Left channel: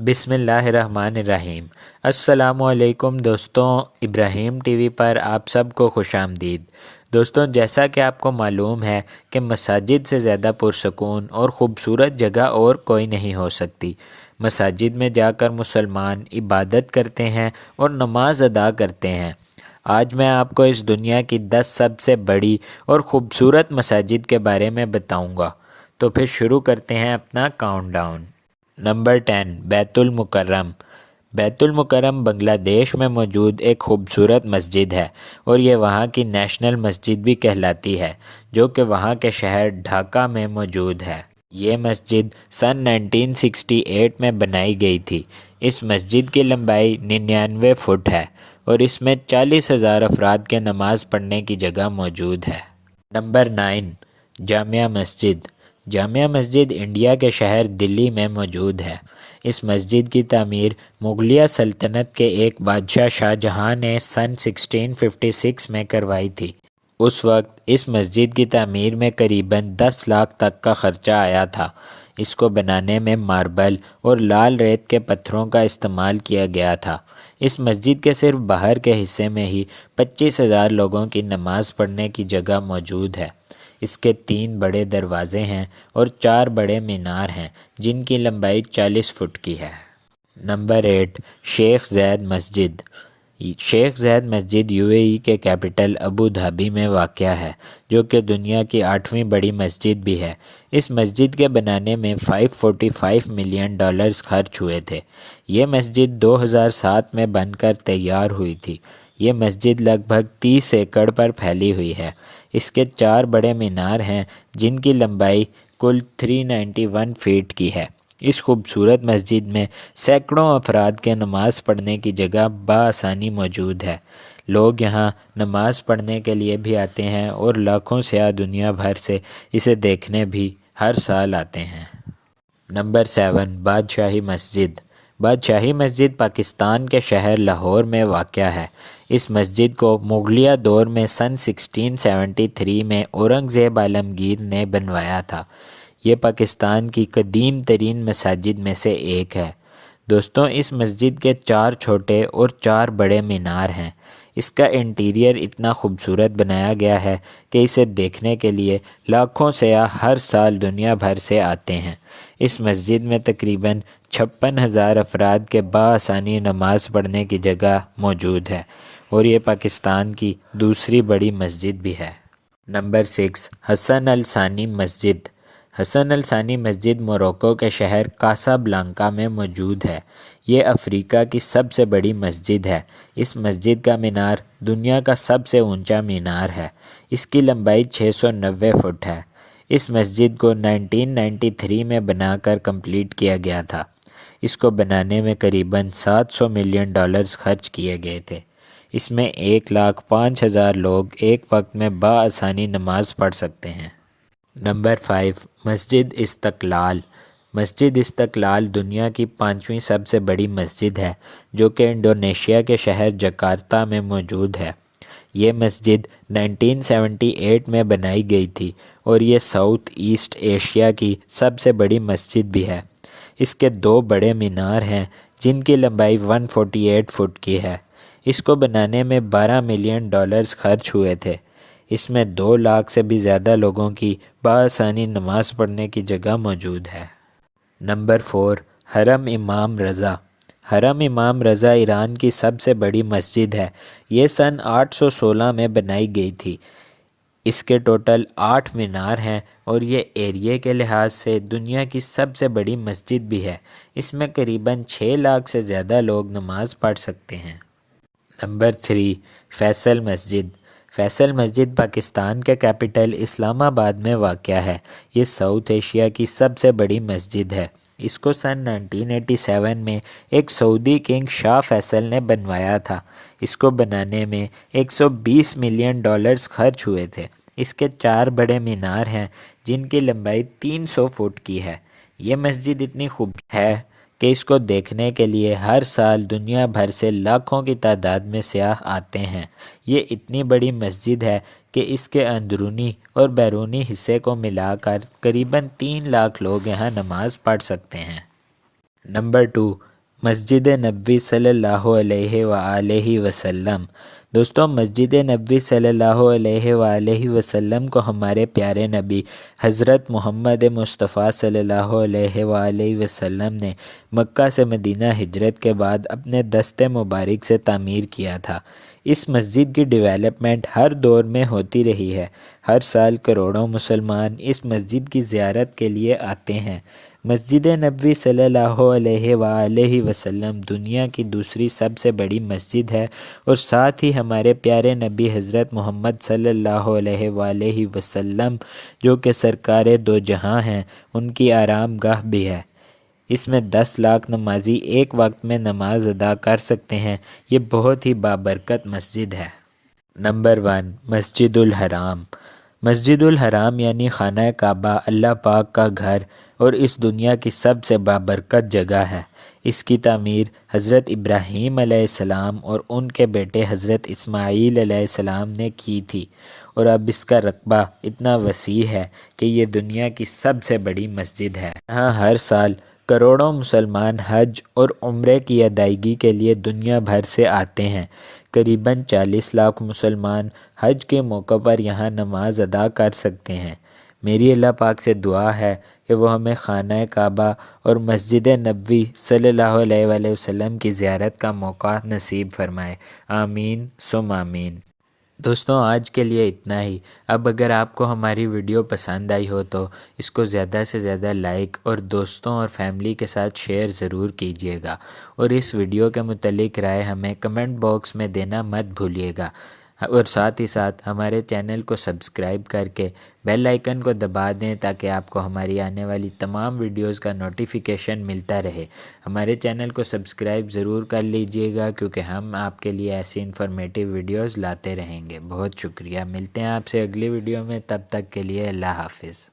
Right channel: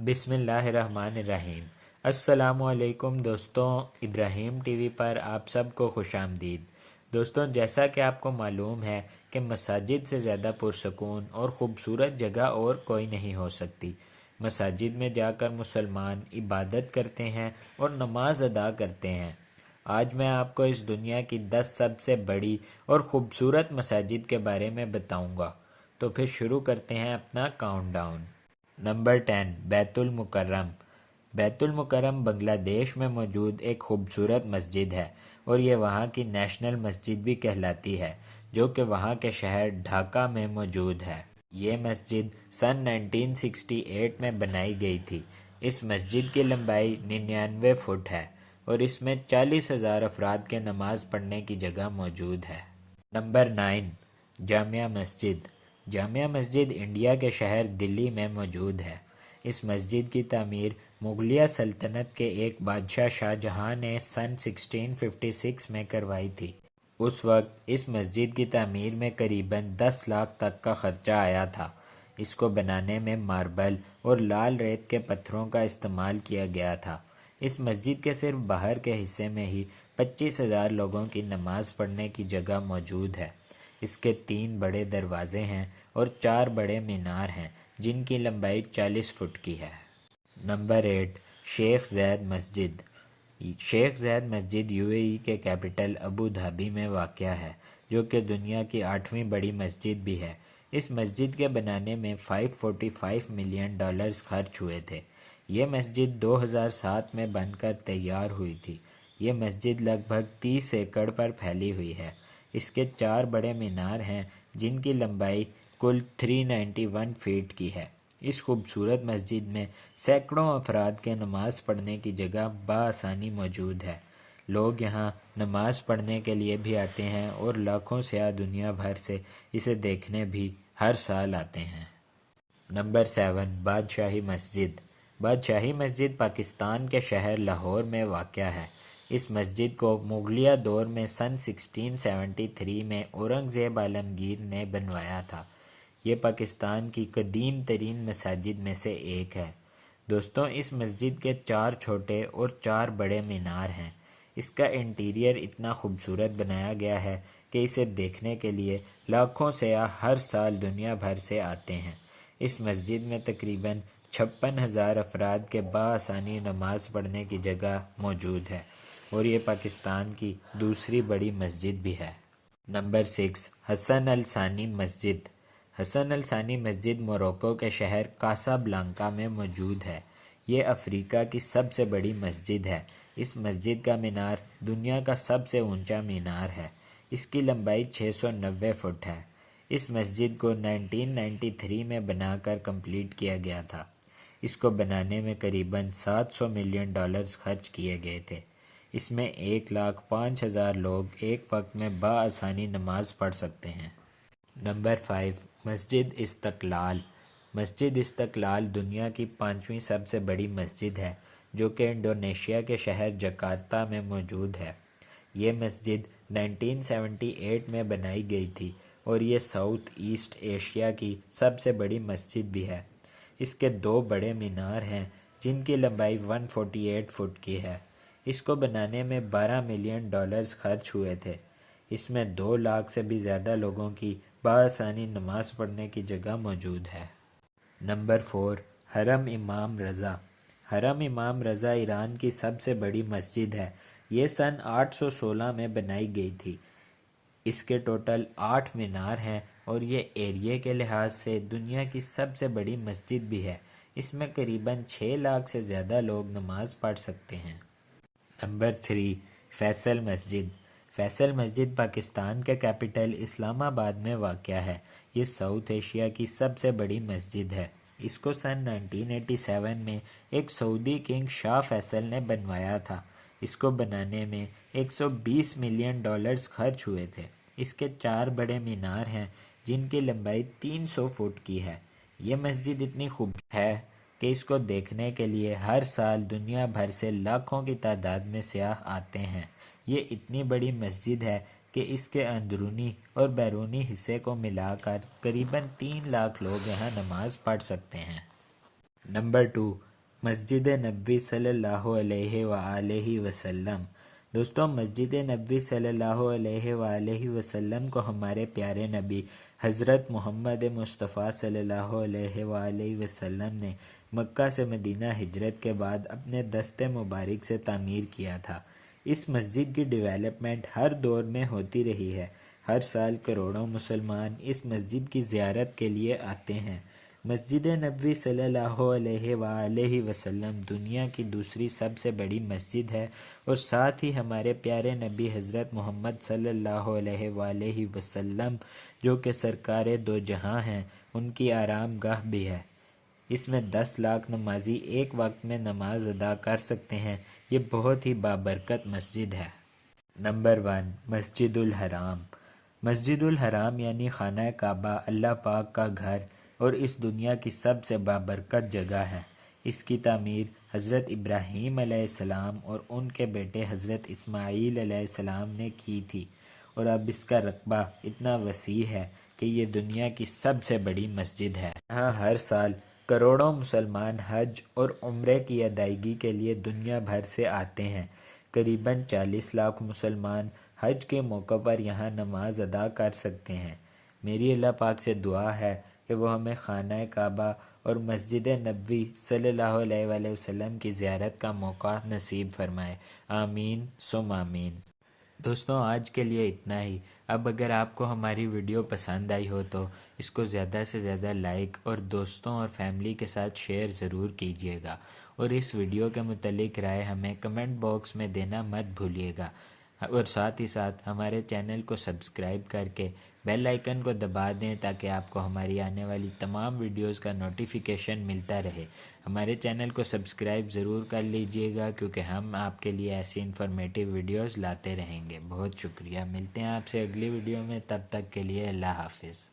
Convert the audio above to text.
بسم اللہ الرحمن الرحیم۔ السلام علیکم دوستوں، ابراہیم ٹی وی پر آپ سب کو خوش آمدید۔ دوستوں، جیسا کہ آپ کو معلوم ہے کہ مساجد سے زیادہ پرسکون اور خوبصورت جگہ اور کوئی نہیں ہو سکتی۔ مساجد میں جا کر مسلمان عبادت کرتے ہیں اور نماز ادا کرتے ہیں۔ آج میں آپ کو اس دنیا کی 10 سب سے بڑی اور خوبصورت مساجد کے بارے میں بتاؤں گا۔ تو پھر شروع کرتے ہیں اپنا کاؤنٹ ڈاؤن۔ نمبر 10، بیت المکرم۔ بیت المکرم بنگلہ دیش میں موجود ایک خوبصورت مسجد ہے اور یہ وہاں کی نیشنل مسجد بھی کہلاتی ہے، جو کہ وہاں کے شہر ڈھاکہ میں موجود ہے۔ یہ مسجد سن 1968 میں بنائی گئی تھی۔ اس مسجد کی لمبائی 99 فٹ ہے اور اس میں 40,000 افراد کے نماز پڑھنے کی جگہ موجود ہے۔ نمبر 9، جامع مسجد۔ جامع مسجد انڈیا کے شہر دلی میں موجود ہے۔ اس مسجد کی تعمیر مغلیہ سلطنت کے ایک بادشاہ شاہ جہاں نے سن 1656 میں کروائی تھی۔ اس وقت اس مسجد کی تعمیر میں قریباً 10 لاکھ تک کا خرچہ آیا تھا۔ اس کو بنانے میں ماربل اور لال ریت کے پتھروں کا استعمال کیا گیا تھا۔ اس مسجد کے صرف باہر کے حصے میں ہی 25,000 لوگوں کی نماز پڑھنے کی جگہ موجود ہے۔ اس کے 3 بڑے دروازے ہیں اور 4 بڑے مینار ہیں جن کی لمبائی 40 فٹ کی ہے۔ نمبر 8، شیخ زاید مسجد۔ شیخ زاید مسجد UAE کے کیپٹل ابو دھابی میں واقع ہے، جو کہ دنیا کی 8ویں بڑی مسجد بھی ہے۔ اس مسجد کے بنانے میں $545 ملین خرچ ہوئے تھے۔ یہ مسجد 2007 میں بن کر تیار ہوئی تھی۔ یہ مسجد لگ بھگ 30 ایکڑ پر پھیلی ہوئی ہے۔ اس کے 4 بڑے مینار ہیں جن کی لمبائی کل 391 فیٹ کی ہے۔ اس خوبصورت مسجد میں سینکڑوں افراد کے نماز پڑھنے کی جگہ بآسانی موجود ہے۔ لوگ یہاں نماز پڑھنے کے لیے بھی آتے ہیں اور لاکھوں سیاح دنیا بھر سے اسے دیکھنے بھی ہر سال آتے ہیں۔ نمبر 7، بادشاہی مسجد۔ بادشاہی مسجد پاکستان کے شہر لاہور میں واقع ہے۔ اس مسجد کو مغلیہ دور میں سن 1673 میں اورنگزیب عالمگیر نے بنوایا تھا۔ یہ پاکستان کی قدیم ترین مساجد میں سے ایک ہے۔ دوستوں، اس مسجد کے 4 چھوٹے اور 4 بڑے مینار ہیں۔ اس کا انٹیریئر اتنا خوبصورت بنایا گیا ہے کہ اسے دیکھنے کے لیے لاکھوں سیاح ہر سال دنیا بھر سے آتے ہیں۔ اس مسجد میں تقریباً 56,000 افراد کے بآسانی نماز پڑھنے کی جگہ موجود ہے اور یہ پاکستان کی دوسری بڑی مسجد بھی ہے۔ نمبر 6، حسن الثانی مسجد۔ حسن الثانی مسجد موروکو کے شہر کاسا بلانکا میں موجود ہے۔ یہ افریقہ کی سب سے بڑی مسجد ہے۔ اس مسجد کا مینار دنیا کا سب سے اونچا مینار ہے۔ اس کی لمبائی 690 فٹ ہے۔ اس مسجد کو 1993 میں بنا کر کمپلیٹ کیا گیا تھا۔ اس کو بنانے میں قریباً $700 ملین خرچ کیے گئے تھے۔ اس میں 1,05,000 لوگ ایک وقت میں بآسانی نماز پڑھ سکتے ہیں۔ نمبر 5، مسجد استقلال۔ مسجد استقلال دنیا کی 5ویں سب سے بڑی مسجد ہے، جو کہ انڈونیشیا کے شہر جکارتہ میں موجود ہے۔ یہ مسجد 1978 میں بنائی گئی تھی اور یہ ساؤتھ ایسٹ ایشیا کی سب سے بڑی مسجد بھی ہے۔ اس کے 2 بڑے مینار ہیں جن کی لمبائی 148 فٹ کی ہے۔ اس کو بنانے میں $12 ملین خرچ ہوئے تھے۔ اس میں 2 لاکھ سے بھی زیادہ لوگوں کی بآسانی نماز پڑھنے کی جگہ موجود ہے۔ نمبر 4، حرم امام رضا۔ حرم امام رضا ایران کی سب سے بڑی مسجد ہے۔ یہ سن 816 میں بنائی گئی تھی۔ اس کے ٹوٹل 8 مینار ہیں اور یہ ایریے کے لحاظ سے دنیا کی سب سے بڑی مسجد بھی ہے۔ اس میں قریباً 6 لاکھ سے زیادہ لوگ نماز پڑھ سکتے ہیں۔ نمبر 3، فیصل مسجد۔ فیصل مسجد پاکستان کے کیپٹل اسلام آباد میں واقع ہے۔ یہ ساؤتھ ایشیا کی سب سے بڑی مسجد ہے۔ اس کو سن 1987 میں ایک سعودی کنگ شاہ فیصل نے بنوایا تھا۔ اس کو بنانے میں $120 ملین خرچ ہوئے تھے۔ اس کے 4 بڑے مینار ہیں جن کی لمبائی 300 فٹ کی ہے۔ یہ مسجد اتنی خوبصورت ہے کہ اس کو دیکھنے کے لیے ہر سال دنیا بھر سے لاکھوں کی تعداد میں سیاح آتے ہیں۔ یہ اتنی بڑی مسجد ہے کہ اس کے اندرونی اور بیرونی حصے کو ملا کر قریباً 3 لاکھ لوگ یہاں نماز پڑھ سکتے ہیں۔ نمبر 2، مسجد نبوی صلی اللہ علیہ وآلہ وسلم۔ دوستوں، مسجد نبوی صلی اللہ علیہ وآلہ وسلم کو ہمارے پیارے نبی حضرت محمد مصطفیٰ صلی اللہ علیہ وآلہ وسلم نے مکہ سے مدینہ ہجرت کے بعد اپنے دست مبارک سے تعمیر کیا تھا۔ اس مسجد کی ڈیولپمنٹ ہر دور میں ہوتی رہی ہے۔ ہر سال کروڑوں مسلمان اس مسجد کی زیارت کے لیے آتے ہیں۔ مسجد نبوی صلی اللہ علیہ وآلہ وسلم دنیا کی دوسری سب سے بڑی مسجد ہے، اور ساتھ ہی ہمارے پیارے نبی حضرت محمد صلی اللہ علیہ وآلہ وسلم جو کہ سرکار دو جہاں ہیں، ان کی آرام گاہ بھی ہے۔ اس میں 10 لاکھ نمازی ایک وقت میں نماز ادا کر سکتے ہیں۔ یہ بہت ہی بابرکت مسجد ہے۔ نمبر 1، مسجد الحرام۔ مسجد الحرام یعنی خانہ کعبہ اللہ پاک کا گھر اور اس دنیا کی سب سے بابرکت جگہ ہے۔ اس کی تعمیر حضرت ابراہیم علیہ السلام اور ان کے بیٹے حضرت اسماعیل علیہ السلام نے کی تھی، اور اب اس کا رقبہ اتنا وسیع ہے کہ یہ دنیا کی سب سے بڑی مسجد ہے۔ یہاں ہر سال کروڑوں مسلمان حج اور عمرے کی ادائیگی کے لیے دنیا بھر سے آتے ہیں۔ قریباً 40 لاکھ مسلمان حج کے موقع پر یہاں نماز ادا کر سکتے ہیں۔ میری اللہ پاک سے دعا ہے کہ وہ ہمیں خانہ کعبہ اور مسجد نبوی صلی اللہ علیہ وآلہ وسلم کی زیارت کا موقع نصیب فرمائے۔ آمین ثم آمین۔ دوستوں، آج کے لیے اتنا ہی۔ اب اگر آپ کو ہماری ویڈیو پسند آئی ہو تو اس کو زیادہ سے زیادہ لائک اور دوستوں اور فیملی کے ساتھ شیئر ضرور کیجیے گا، اور اس ویڈیو کے متعلق رائے ہمیں کمنٹ باکس میں دینا مت بھولیے گا، اور ساتھ ہی ساتھ ہمارے چینل کو سبسکرائب کر کے بیل آئیکن کو دبا دیں تاکہ آپ کو ہماری آنے والی تمام ویڈیوز کا نوٹیفیکیشن ملتا رہے۔ ہمارے چینل کو سبسکرائب ضرور کر لیجئے گا، کیونکہ ہم آپ کے لیے ایسی انفارمیٹیو ویڈیوز لاتے رہیں گے۔ بہت شکریہ۔ ملتے ہیں آپ سے اگلی ویڈیو میں، تب تک کے لیے اللہ حافظ۔